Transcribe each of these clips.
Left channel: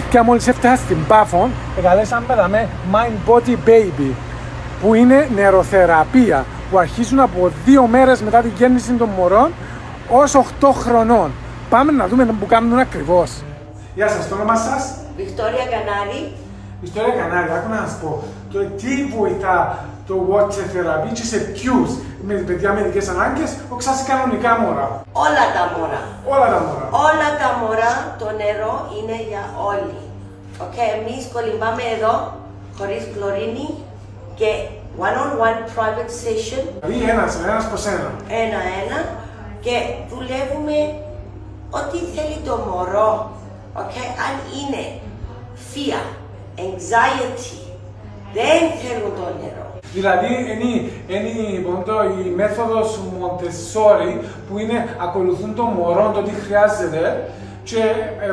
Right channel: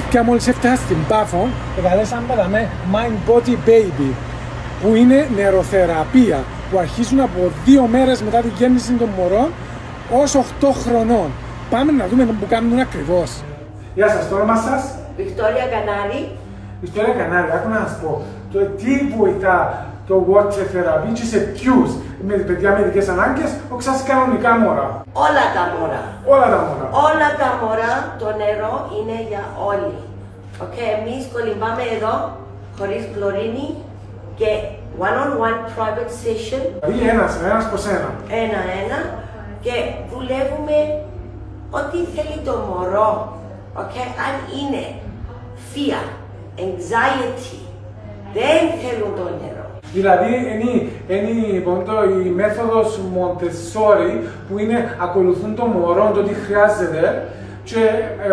Παιδιά, μόλις έφτασα στην Πάφο, εγκαλέσαμε με Mind Body Baby, που είναι νεροθεραπεία, που αρχίζουν από 2 μέρες μετά την γέννηση των μωρών ως 8 χρονών. Πάμε να δούμε που κάνουν ακριβώς. Γεια σας, το όνομα σας? Βικτόρια Κανάρη. Βικτόρια Κανάρη, άκου να σας πω. Τι βοηθά το water therapy και σε ποιους? Με παιδιά με ειδικές ανάγκες, όχι σας κανονικά μωρά? Όλα τα μωρά. Όλα τα μωρά. Όλα τα μωρά, το νερό είναι για όλοι. Εμείς κολυμπάμε εδώ, χωρίς κλωρίνη και one-on-one private session. Δηλαδή ένας προς ένα. Ένα-ένα και δουλεύουμε ό,τι θέλει το μωρό. Αν είναι fear, anxiety, δεν θέλουν το νερό. Δηλαδή είναι η μέθοδος Montessori που είναι ακολουθούν το μωρό το τι χρειάζεται και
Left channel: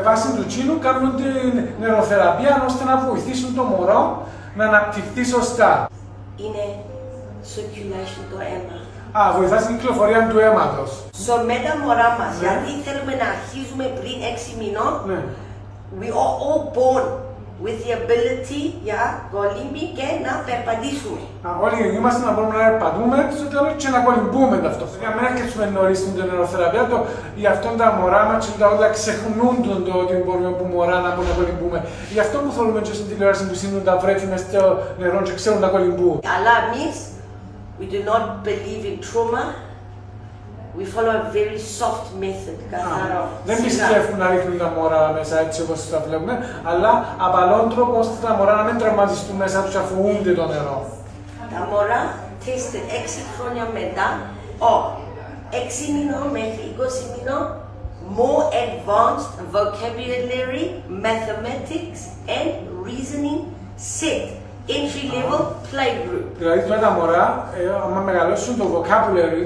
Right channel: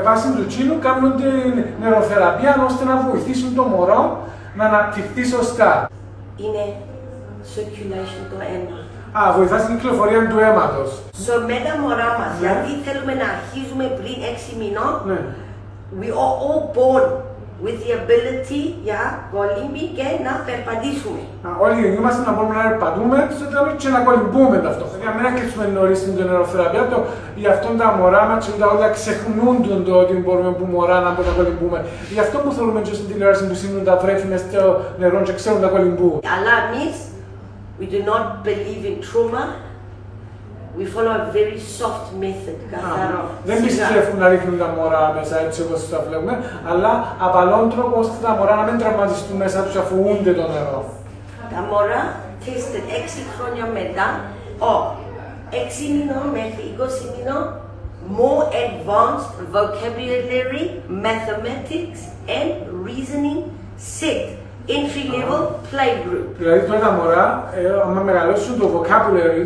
βάσει του τσίνου κάνουν την νεροθεραπεία ώστε να βοηθήσουν το μωρό να αναπτυχθεί σωστά. Είναι circulation το αίμα. Βοηθά στην κυκλοφορία του αίματος. Με τα μωρά μας, γιατί θέλουμε να αρχίζουμε πριν 6 μηνών, we are all born with the ability για κολύμπη και να περπατήσουμε. Όλοι γεννιούμαστε να μπορούμε να περπατούμε στο τέλος και να κολυμπούμε ταυτόχρονα. Για να μην αρχίσουμε νωρίς στην νεροθεραπεία, γι' αυτό τα μωρά μας και όλα ξεχνούν το ότι μπορούμε που μωρά να μπορούμε να κολυμπούμε. Γι' αυτό που θέλουμε και στην τηλεόραση που σύνουν τα βρέφη μες στο νερό και ξέρουν να κολυμπούν. Αλλά εμείς, we do not believe in trauma. We follow a very soft method. Δεν πιστεύουν να ρίχνουν τα μωρά μέσα έτσι όπως τα βλέπουμε, αλλά απαλόν τρόπο ώστε τα μωρά να μην τραυματιστούν μέσα τους αφού ούνται το νερό. Τα μωρά tested 6 χρόνια μετά, 6 μηνών μέχρι 20 μηνών, more advanced vocabulary, mathematics and reasoning set. Entry level playgroup. Δηλαδή τώρα τα μωρά, άμα μεγαλώσουν το vocabulary,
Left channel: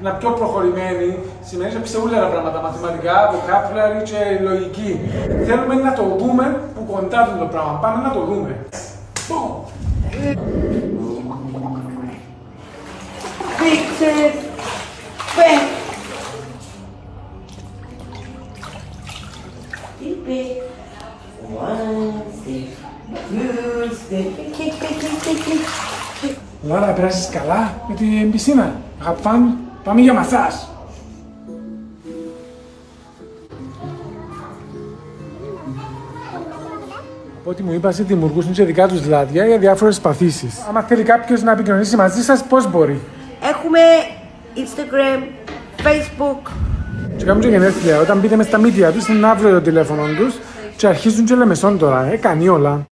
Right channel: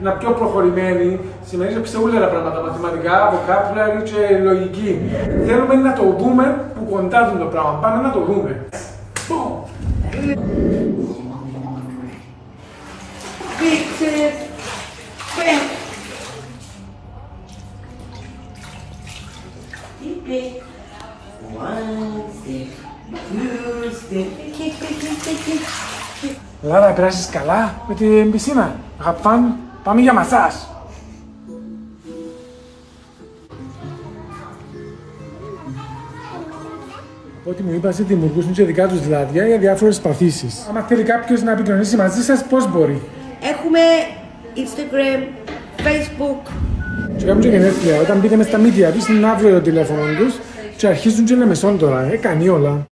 ένα πιο προχωρημένοι, σημαίνει ότι ξέρουν τα πράγματα, μαθηματικά, vocabulary και λογική. Θέλουμε να το δούμε που κοντά το πράγμα. Πάμε να το δούμε. Pictures, back. Deep breath. 1 step. Άρα πέρασεις καλά με την πισίνα. Πάμε για μασάζ. Από ό,τι μου είπατε, δημιουργούσαν και δικά τους λάδια για διάφορες παθήσεις. Αν θέλει κάποιος να επικοινωνήσει μαζί σας, πώς μπορεί? Έχουμε Instagram, Facebook. Και κάνουν και γενέθλια. Όταν μπείτε μες στα media τους, είναι αύριο το τηλέφωνο τους και αρχίζουν και λεμεσόν τώρα. Κάνει όλα.